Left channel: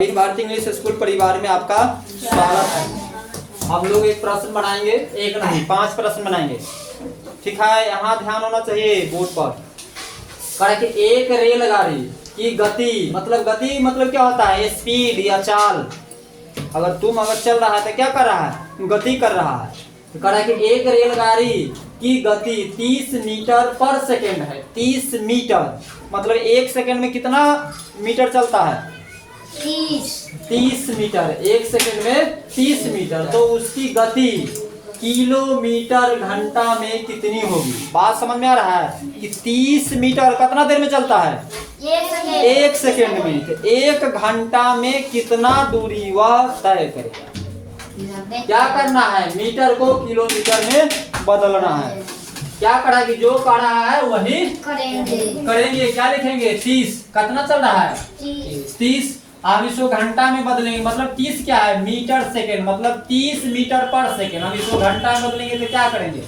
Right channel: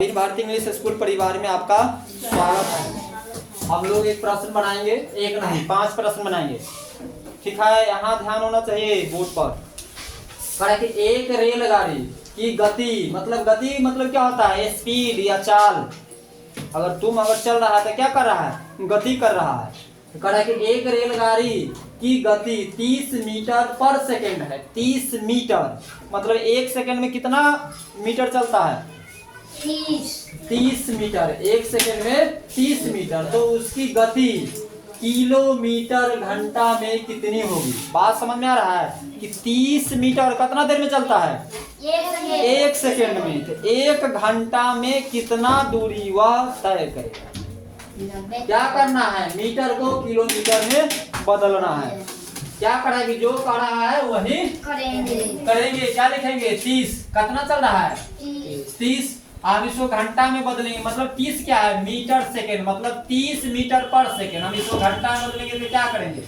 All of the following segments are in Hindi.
भारतीय इंग्लिश स्कूल परिवार में आपका स्वागत है। हम लोग एक प्रश्न बनाएंगे, एक नहीं 5 प्रश्न बनाएंगे। ठीक है, यहाँ ध्यान होना चाहिए बोर्ड पर। कि एक रेलगाड़ी की गति मतलब क्या होता है? स्पीड या चाल। अगर चल रहा है तो क्या कर रहा है? गति कर रहा है। तो कह रहा है कि एक रेलगाड़ी की गति 30 मीटर पर सेकेंड है। 30 मीटर मतलब 1 सेकेंड में कितना मीटर चलता है? 30 मीटर। 1 सेकेंड में 30 मीटर। तो उसकी गति किलोमीटर घंटा में कितनी होगी? बात समझ में आ रहा है? कि 30 मीटर कितना देर में चलता है? 1 सेकेंड में। तो 1 घंटा में कितना दूरी वह तय करेगा? क्या करना है? मीटर को किलोमीटर में बदलना है। क्या करा कि जो कर रहा है वही करेंगे। क्या लिखेंगे? 30 कितना चल रहा है? 30। आप इसको घंटा में बदलेंगे, मतलब 30 क्या है? मीटर सेकेंड, मतलब 30 मीटर पर सेकेंड। हम इसको घंटा में बदलेंगे तो क्या करेंगे?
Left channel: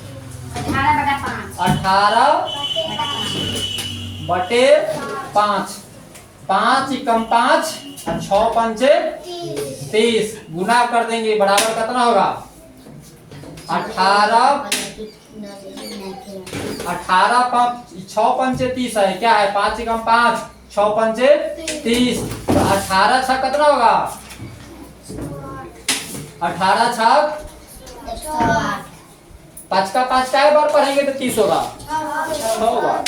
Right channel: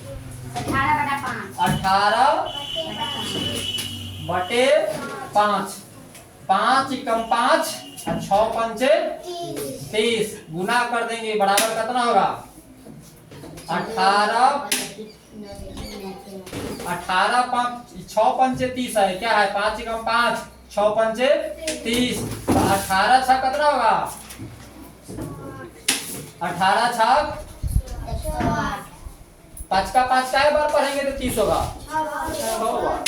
18/5। 5 एकम 5 और 6 पंचे 30। गुना कर देंगे, बराबर कितना होगा? 6 पंचे 30 है। क्या है? 5 एकम 5 6 पंचे 30। 18 छक कितना होगा? 18 छक 5 का 5 का बार पढ़ेंगे तो 30 होगा। 6 होगा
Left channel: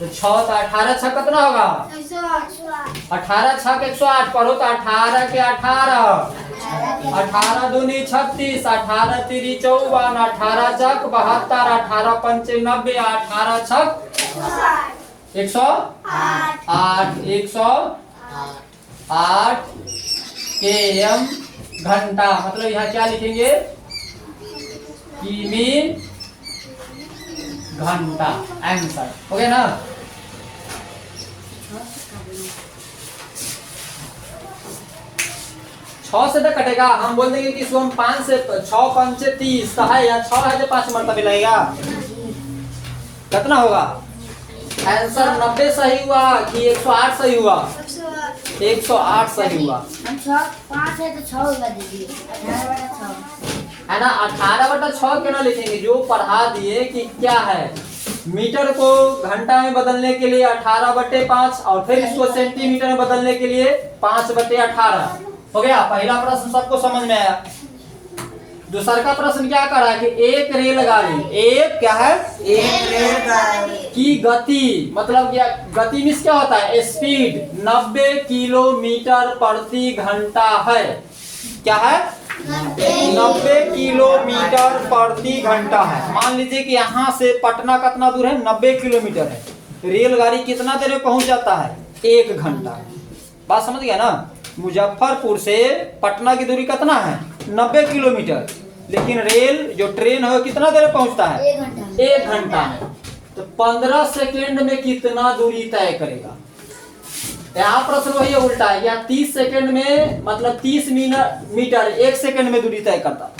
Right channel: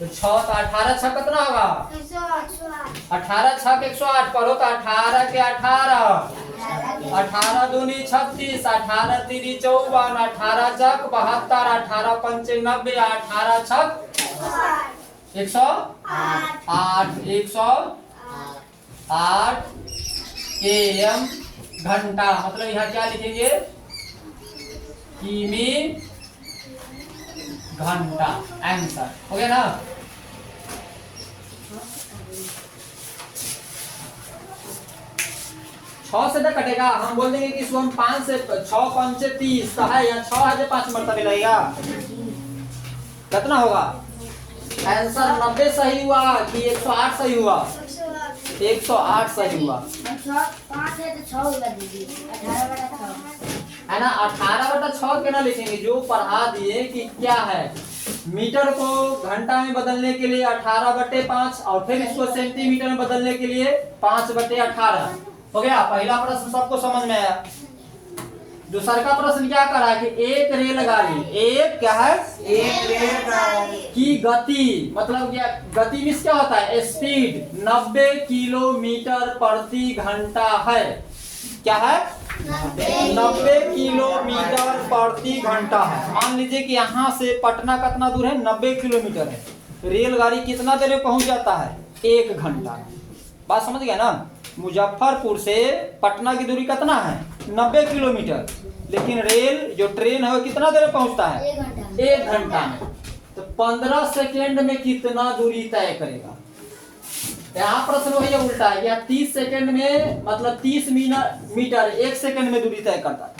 तो 6 तो 18 छक कितना होगा? 18 छक 108 पढ़ो तो 18 के 18 18 दूनी 36 18 तिरी 54 18 छक 72 18 पंचे 90 18 छक 108 km घंटा। मतलब यहाँ क्या लिखेंगे? किमी घंटा। आंसर हो गया ना? छह से तो कटेगा। हम बोल देंगे कि इसको हम 5 से 6 पंचे 30 है या 6 है जो 5 मरतबा लगेगा। कितना होगा? आंसर 90 सही हुआ कि 108 सही हुआ? 108 सही हुआ। 5 है तो 6 होगा दीदी। 18/6 है ना? 18/6 क्यों ना लिखेंगे? जो पढ़ा दिए कि क्या है, मीटर को घंटा में बदलने के लिए 18/5 और फिर इसको सेंटीमीटर में बदलने के लिए 5/18 हो गया। पहला प्रश्न सबको समझ में आया। दूसरा का प्रश्न क्या कर रहा है कि एक रेलगाड़ी की गति, मतलब गति मीन्स क्या होता है? स्पीड 90 किलोमीटर प्रति घंटा है। क्या है? 90 किलोमीटर प्रति घंटा है। मान लीजिए कि यहाँ से पटना कितना दूर है? 90 किलोमीटर है। रेलगाड़ी कितना देर में पहुंच जाता है? 1 घंटा। बात समझ गया ना? मुजफ्फरपुर से पटना की दूरी कितना है? 90 किलोमीटर। लेकिन रेल जो ट्रेन है कितना देर में पहुंचता है? 1 घंटा में। तो 15 सेकेंड में कितना दूरी तय करेगा? यहाँ प्रश्न वही उल्टा है। या 30 सेकेंड में, मतलब 30 मीटर 1 सेकेंड में दूरी तय करता था।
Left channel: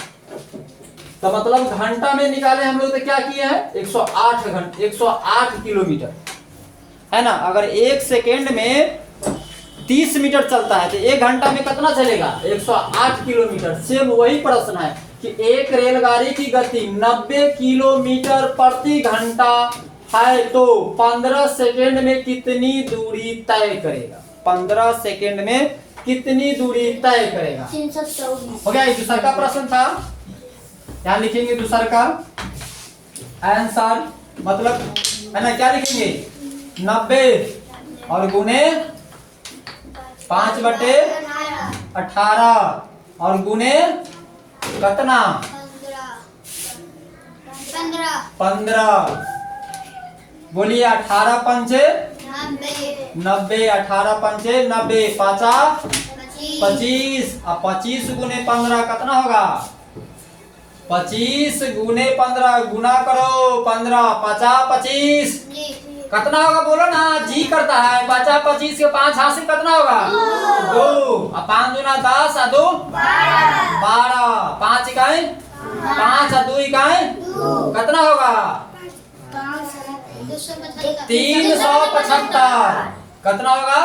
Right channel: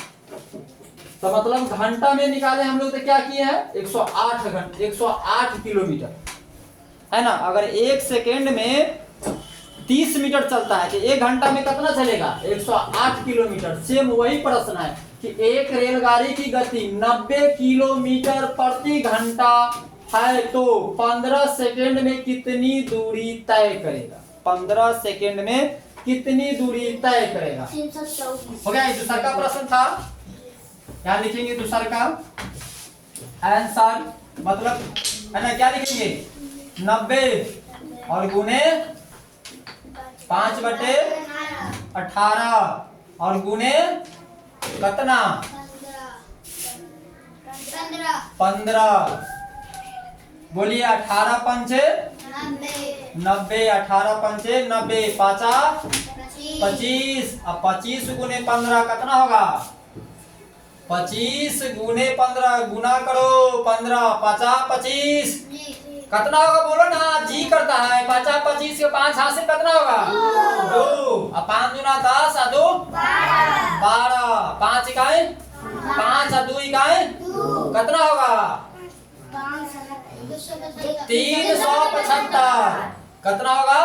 तो मतलब घंटा में निकाले हम लोग तो क्या किए हैं? 108 किलोमीटर है ना? अगर 1 सेकेंड में 30 मीटर चलता है तो 1 घंटा में कितना चलेगा? 108 किलोमीटर। सेम वही प्रश्न है कि एक रेलगाड़ी की गति 90 किलोमीटर प्रति घंटा है तो 15 सेकेंड में कितनी दूरी तय करेगा? 15 सेकेंड में कितनी दूरी तय करेगा? 324 हो गया। दूसरा का प्रश्न था, क्या लिखेंगे? दूसरा का आंसर मतलब है ना? क्या लिखेंगे? 90 और गुने 5/18 और गुने कितना? 15। बोलिए 18 पंचे 90 18 पंचे 90 5 25 और 25 गुने 15 कितना होगा? 25 गुने 15 गुना करो 15 50 25 कितना होगा? बोलो ना, जी करता है। 50 25 के 5 हासिल कितना होगा? 2 और 5 दूना 10 और 2 12। 5 इकाई 5 और 2 इकाई कितना होगा? 375। कितना होगा?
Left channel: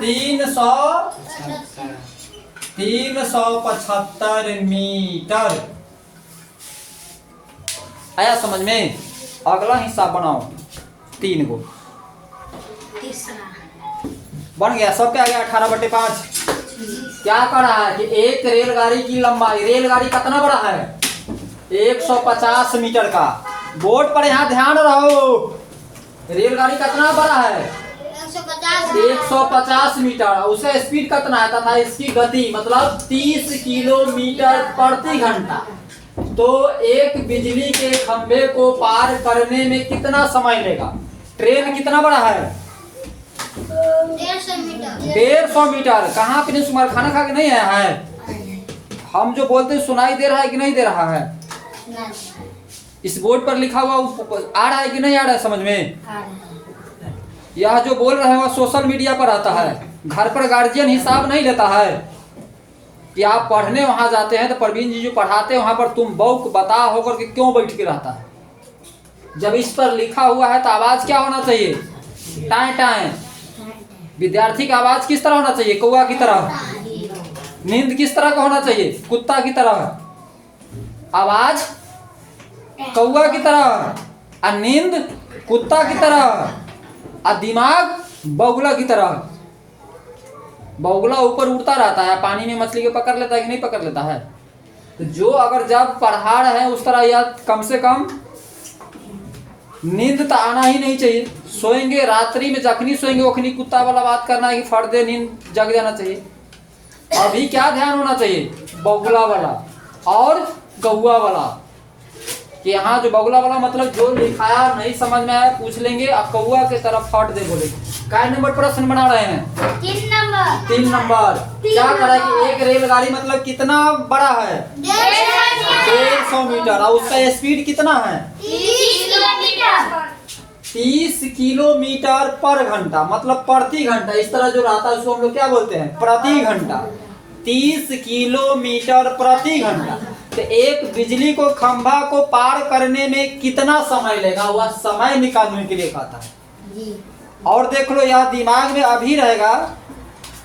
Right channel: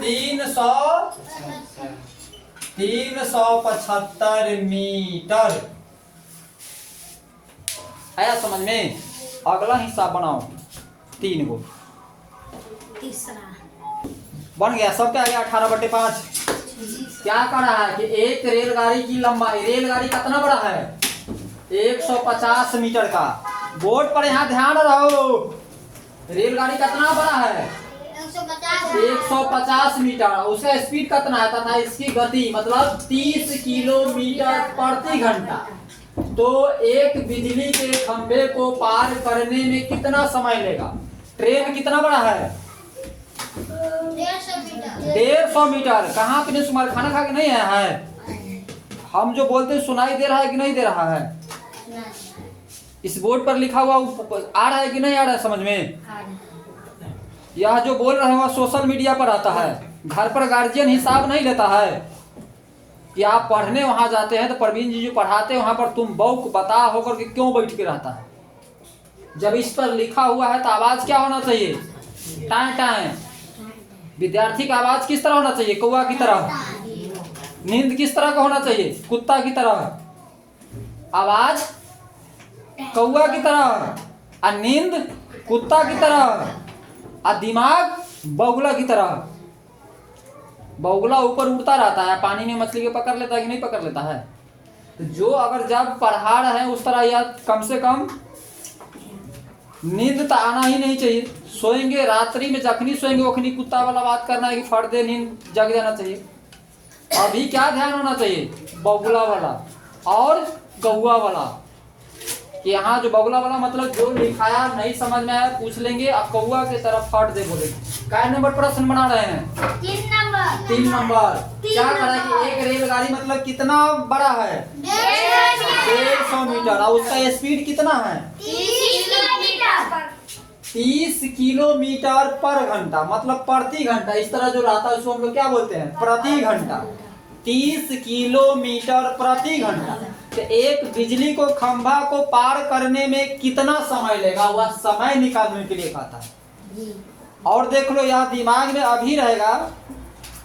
375 मीटर। आया समझ में? अगला हिसाब बनाओ 3 गो बन गया। सब क्या गया 18/5। क्या कर रहा है कि एक रेलगाड़ी की लंबाई, रेलगाड़ी कितना बड़ा है 150 मीटर का। बोर्ड पर यहाँ ध्यान रहो, रेलगाड़ी कितना बड़ा है 150 मीटर। उसका स्पीड कितना है तथा इसकी गति मतलब 30 किलोमीटर प्रति घंटा। तो एक बिजली के खंभे को पार करने में कितना समय लेगा? ट्रेन कितना बड़ा है 150 मीटर। कहाँ पे सुमार खाना खा के नहीं आया है? हम जो बोलते हैं सुनाई दे रहा है कि नहीं दे रहा है? इस बोर्ड पर लिखा हुआ आ रहा है कि नहीं आ रहा है समझ में? यह जो बोल रहे हैं वह सोशल मीडिया पर आता है। घर पर गार्जियन हिसाब नहीं लेता है कि आप पढ़ने वहां जाते हैं तो प्रवीण जी जो पढ़ाते हैं वहां पर तुम बौक बता होकर के क्यों बैठ के रहता है? जब इस पर लिखा हुआ है तो आवाज क्या होना चाहिए? टाएं टाएं। विद्यार्थी का आवाज किस तरह होना चाहिए? कौवा की तरह। नींद किस तरह का होना चाहिए? कुत्ता की तरह। आवाज कौवा की तरह, और नींद कुत्ता की तरह, और दिमाग बगुला की तरह। बगुला ऊपर उड़ता रहता है, पानी में मछली को पकड़ लेता है कि नहीं पकड़ लेता है? तो जो अगर जब पढ़ा रहे उस तरह या कम से कम नींद तो आना ही नहीं चाहिए। सोएंगे रात्रि में, जखनी सोएंगे वखनी कुत्ता वाला बात करना है कि फट दे नींद जग जाना चाहिए। अभी क्या ध्यान होना चाहिए? बगुला वाला और कौवा वाला। कि यहाँ जो बगुला वाला मतलब जो लिखाया नहीं समझ में आया पूछ लेंगे, अब कौवा के तरफ फट दे बोले। क्या नंबर प्रश्न बना रहे हैं? 3 नंबर। क्या करा कि एक रेलगाड़ी मतलब कितना बड़ा है 150 मीटर, और उसका स्पीड कितना है 30 किलोमीटर पर घंटा, मतलब प्रति घंटा। इस तरह जो रहता है उसको हम लोग क्या बोलते हैं? प्रति घंटा। 30 किलोमीटर प्रति घंटा। तो एक बिजली को खंभा को पार करने में कितना समय लेगा, वह समय निकालने के लिए कहता है। और देख लो यह दिमाग में अभी रहेगा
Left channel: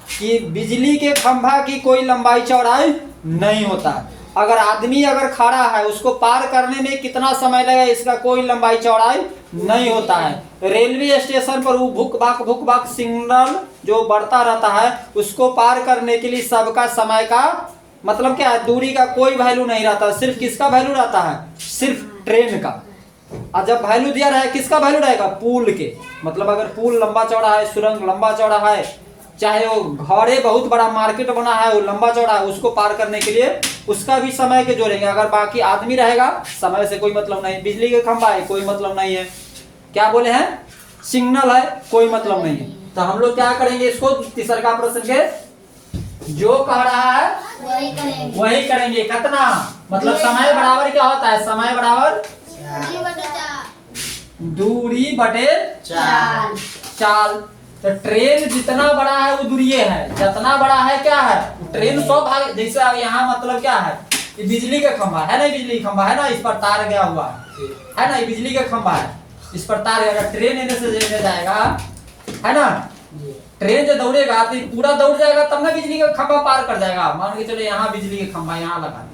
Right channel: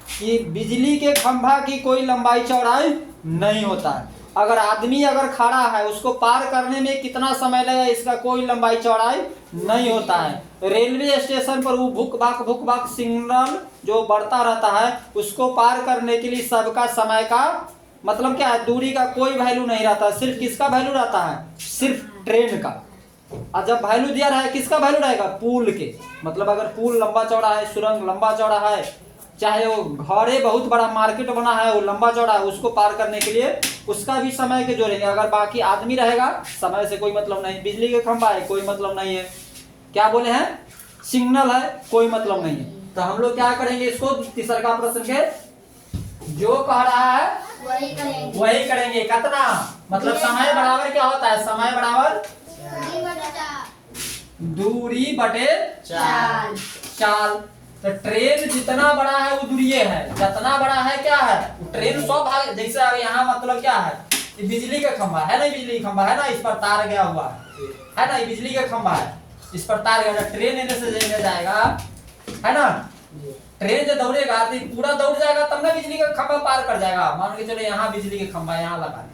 कि बिजली के खंभा की कोई लंबाई चौड़ाई नहीं होता। अगर आदमी अगर खड़ा है उसको पार करने में कितना समय लगेगा, इसका कोई लंबाई चौड़ाई नहीं होता है। रेलवे स्टेशन पर वो भुक भाक सिग्नल जो बढ़ता रहता है उसको पार करने के लिए सबका समय का मतलब क्या है? दूरी का कोई वैल्यू नहीं रहता। सिर्फ किसका वैल्यू रहता है? सिर्फ ट्रेन का। और जब वैल्यू दिया रहे किसका वैल्यू रहेगा? पुल के। मतलब अगर पुल लंबा चौड़ा है, सुरंग लंबा चौड़ा है, चाहे वो घरे बहुत बड़ा मार्केट बना है वो लंबा चौड़ा है, उसको पार करने के लिए उसका भी समय के जोड़ेंगे। अगर बाकी आदमी रहेगा समय से कोई मतलब नहीं। बिजली के खंभा है कोई मतलब नहीं है। क्या बोले हैं? सिग्नल है कोई मतलब नहीं है। तो हम लोग क्या करेंगे इसको? तीसरा प्रश्न के जो कह रहा है वही करेंगे। कितना मतलब समय बराबर क्या होता है? समय बराबर दूरी बटे चाल। तो ट्रेन जितना बड़ा है वो दूरी है, जितना बड़ा है क्या है? ट्रेन 100 भाग। जैसे यहाँ मतलब क्या है? ये बिजली का खंभा है ना, बिजली खंभा है ना, इस पर तार गया हुआ है ना, ये बिजली का खंभा है, इस पर तार गया। ट्रेन इधर से लेने जाएगा है ना, ट्रेन जो दौड़ेगा तो पूरा दौड़ जाएगा तब ना बिजली का खंभा पार कर जाएगा। मान के चलो यहाँ बिजली का खंभा यहाँ लगा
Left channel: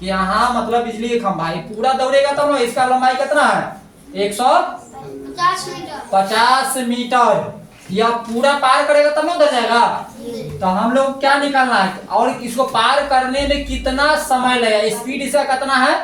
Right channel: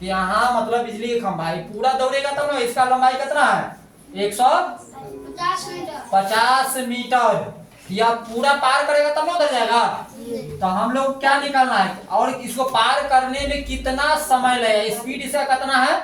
कि यहाँ मतलब बिजली का खंभा है, पूरा दौड़ेगा तब ना। इसका लंबाई कितना है? 150 मीटर। या पूरा पार करेगा तब ना उधर जाएगा। तो हम लोग क्या निकालना है? और इसको पार करने में कितना समय लगेगा? स्पीड इसका कितना है?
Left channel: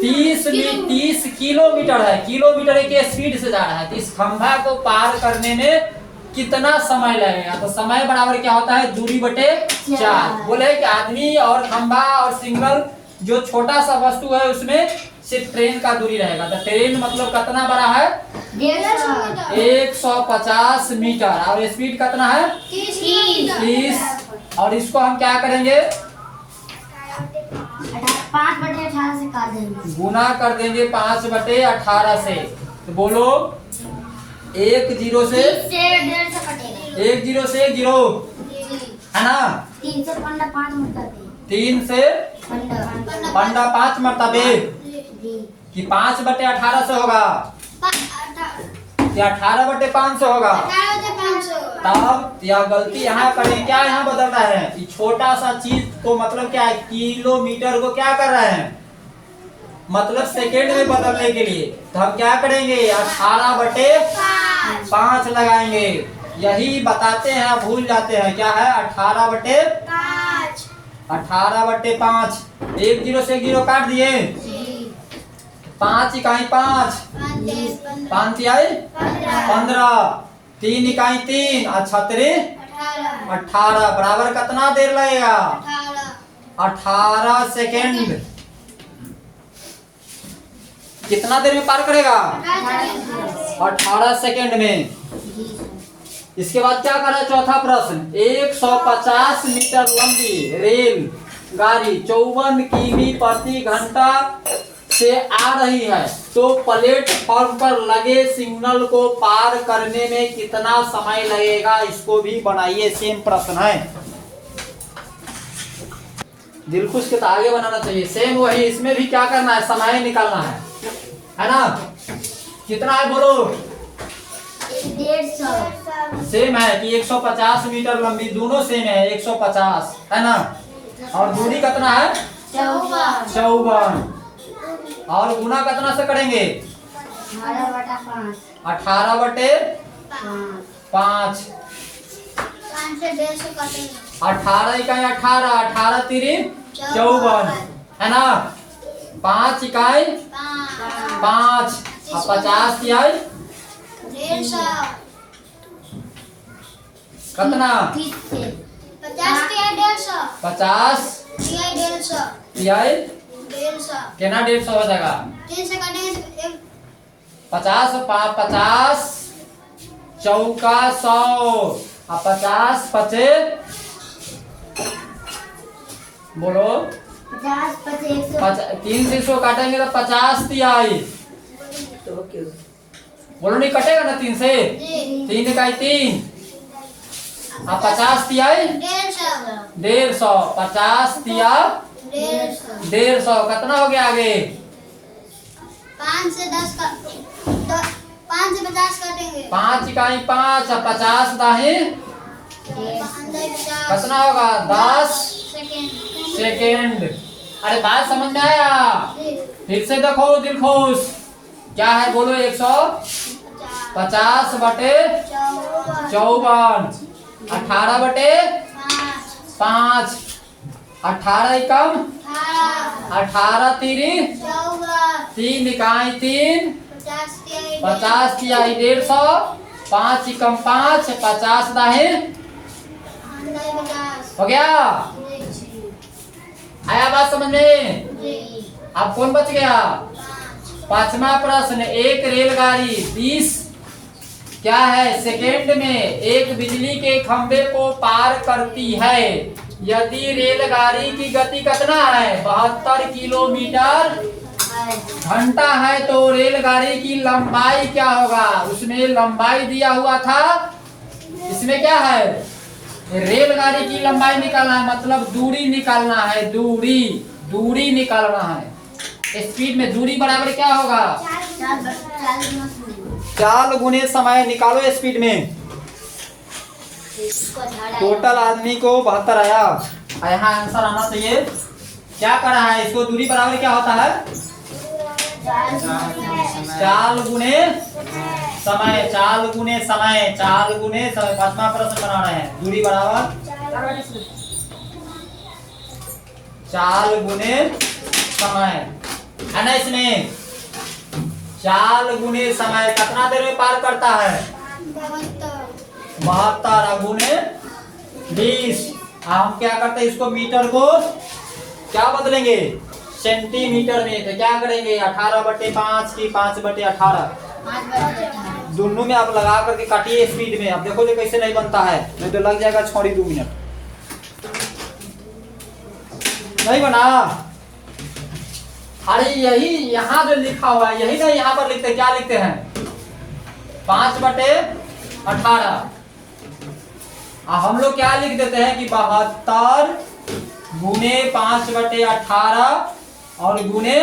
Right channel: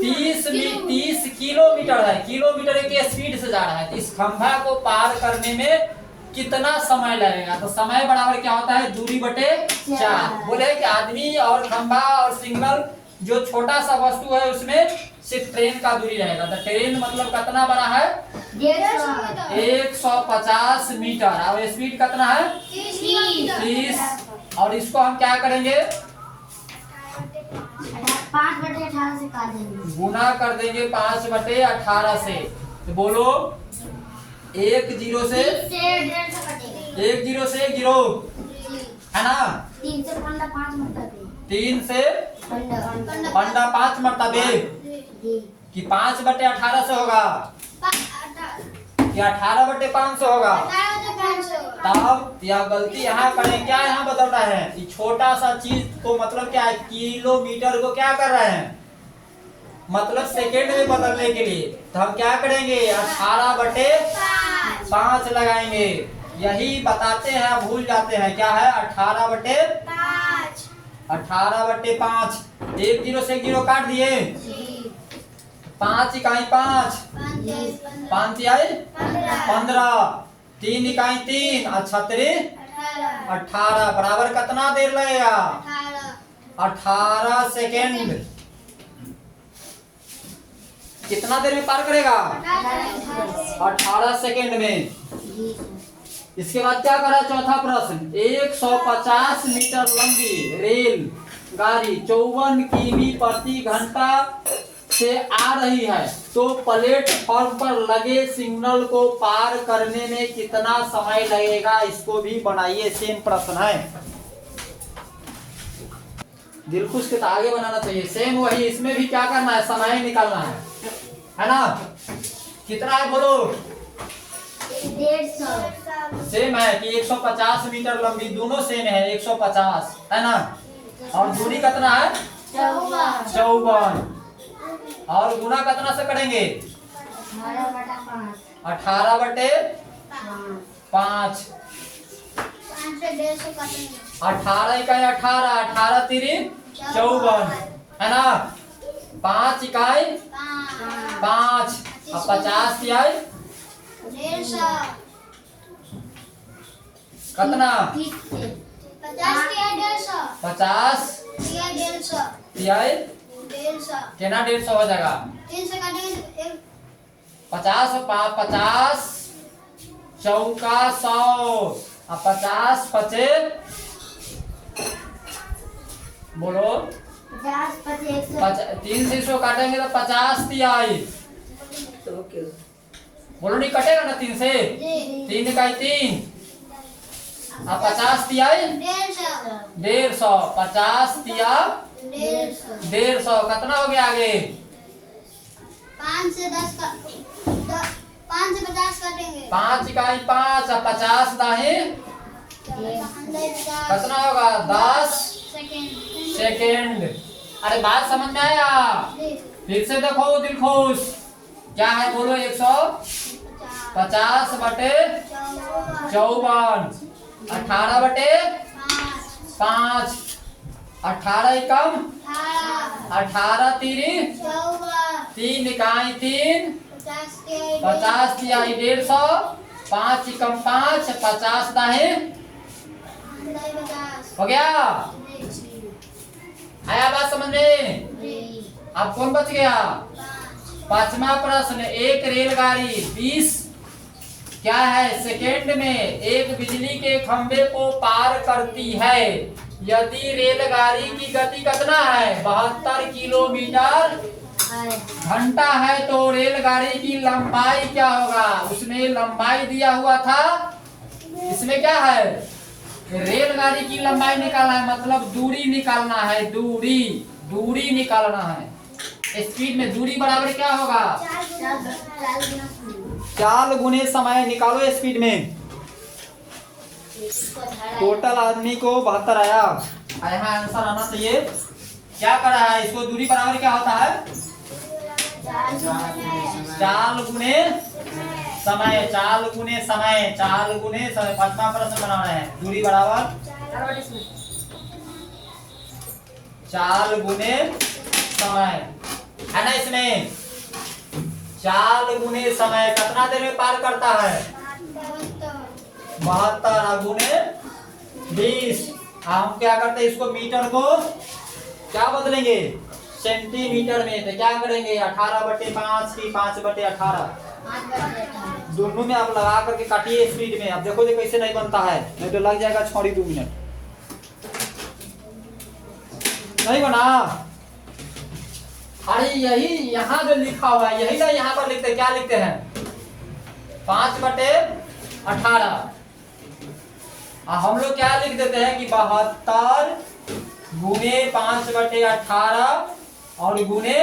30 किलोमीटर है। किलोमीटर के स्पीड से जा रहा है। तो इस खंभा को पार करने में कितना समय लगेगा? तो समय बराबर क्या होता है? दूरी बटे 4। बोले कि आदमी और खंभा और सिग्नल जो छोटा सा वस्तु है उसमें सिर्फ ट्रेन का दूरी रहेगा। तो ट्रेन मतलब कितना बड़ा है? 150 मीटर। और स्पीड कितना है? 30। और इसको हम क्या करेंगे? 5/18 से काट देंगे, गुना कर देंगे 5/18 से। तो बोलो 1 0 से 1 0 से 0 है ना। 3 से 5 मरतबे 3 से 5 मरतबे कि 5/18 से होगा या 18/500 होगा? 18/500 तब यह गलती यहाँ करें, क्या यहाँ बदल रहा है कि छोटा सा चीज को मतलब क्या है, किलोमीटर को क्या कर रहे हैं, मतलब सेकेंड में बदलने के लिए। तो हम क्या करेंगे, 18/5 लगाएंगे। यही बताते हैं, आप भूल जाते हैं क्या है 18/5। 18/5 एक जीरो से एक जीरो काट दिए, 5 इकाई 5, 5 तिहाई 15, 3 इकाई 3 और 6 18 बराबर कितना देर लगेगा, 18 सेकेंड। कितना देर में पार करेगा, 18 सेकेंड में। इसके बाद क्या करा, चौथा प्रश्न, 150 मीटर लंबी रेल गाड़ी 54 किमी प्रति घंटा से आ रही है, तो प्लेटफॉर्म पर लगे सिग्नल को पार करने में कितना समय लगेगा, इसको भी बनाइए। सेम प्रश्न है, दिलखुश के तो आगे बनाना चाहिए। सेम वही, इसमें भी क्या करना है, समय निकालना है ना। कितना है बोलो, 150 सेम है कि 150 मीटर लंबी, दोनों सेम है 150 है ना। और दूरी कितना है, 54, और गुना कितना से करेंगे, 18/5। 18 इकाई 18, 18 तिरी 54 है ना। 5 इकाई 5 और 50 तिहाई कितना, 50 तिहाई केना 150 हो जाएगा, 50 50 चौका 100 और 50 पचे बोलो 3 से 100 काटेंगे तो 50 तिहाई बोलो, नहीं कटेगा ना 3 से, 3 इकाई 3 और 50 तिहाई 150, 50 तिया 150 कितना हो गया आगे, 5 से 10 का 5 से 50 काटेंगे, 5 इकाई 5 और 50 दाही कितना होगा, 10 सेकेंड। अरे बात समझ में आया, फिर से देखो दिलखुश, क्या है बोलो, 150/54, 18/5, 18 एकम 18 तिरी 3 इकाई 3, 50 तिहाई 150, 5 एकम 5, 50 दाही हो गया। आया बात समझ में, अब कौन बच गया, 5वां प्रश्न, एक रेलगाड़ी 20 क्या है सेकेंड में एक बिजली के खंभे को पार करती है। यदि रेलगाड़ी की गति कितना है, 72 किलोमीटर घंटा है, तो रेलगाड़ी की लंबाई क्या होगा, उसमें लंबाई दिया हुआ था, इसमें क्या है, रेलगाड़ी की लंबाई निकालना है, मतलब दूरी निकालना है, दूरी निकालना है। स्पीड में दूरी बराबर क्या होगा, 4 गुने समय निकालो स्पीड में। टोटल आदमी को 72 आया, यहाँ आंसर आना चाहिए। क्या कर रहा है, इसको दूरी बराबर क्या होता है, 4 गुने समय, 4 गुने समय, 4 गुने समय। 5वां प्रश्न बना रहे हैं, दूरी बराबर 4 गुने समय है ना। इसमें 4 गुने समय कितना देर में पार करता है, 72 गुने 20। हम क्या करते हैं, इसको मीटर को क्या बदलेंगे, सेंटीमीटर में। तो क्या करेंगे, 18/5 की 5/18 दोनों में आप लगा करके काटिए स्पीड में। अब देखो जो कैसे नहीं बनता है, नहीं तो लग जाएगा 2 मिनट। नहीं बना, अरे यही यहाँ जो लिखा हुआ है यही ना, यहाँ पर लिखते क्या लिखते हैं, 5/18। हम लोग क्या लिख देते हैं कि 72 गुने 5/18 और गुने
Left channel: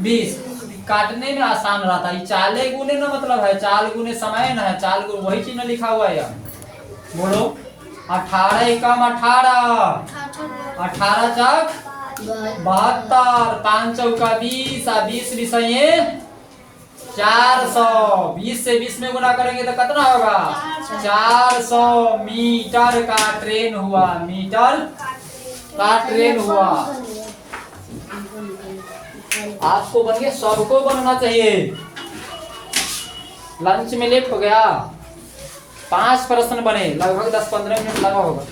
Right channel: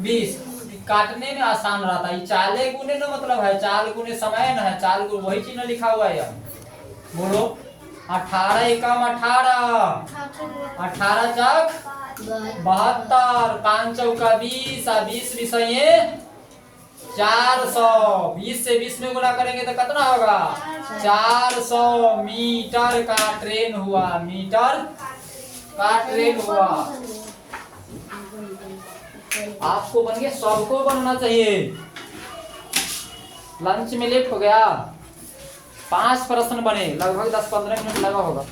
20। काटने में आसान रहता है। चाले गुने ना मतलब है चाल गुने समय ना है, चाल गुने वही चीज ना लिखा हुआ है यार। बोलो 18 एकम 18, 18 चक 72, 5 चौका 20, 20 विषय 400, 20 से 20 में गुना करेंगे तो कितना होगा 400 मीटर का ट्रेन हुआ, मीटर का ट्रेन हुआ। आपको बन गया, सबको बनना चाहिए। लंच में लेट हो गया, 5 प्रश्न बने, लगभग 10-15 मिनट लगा होगा।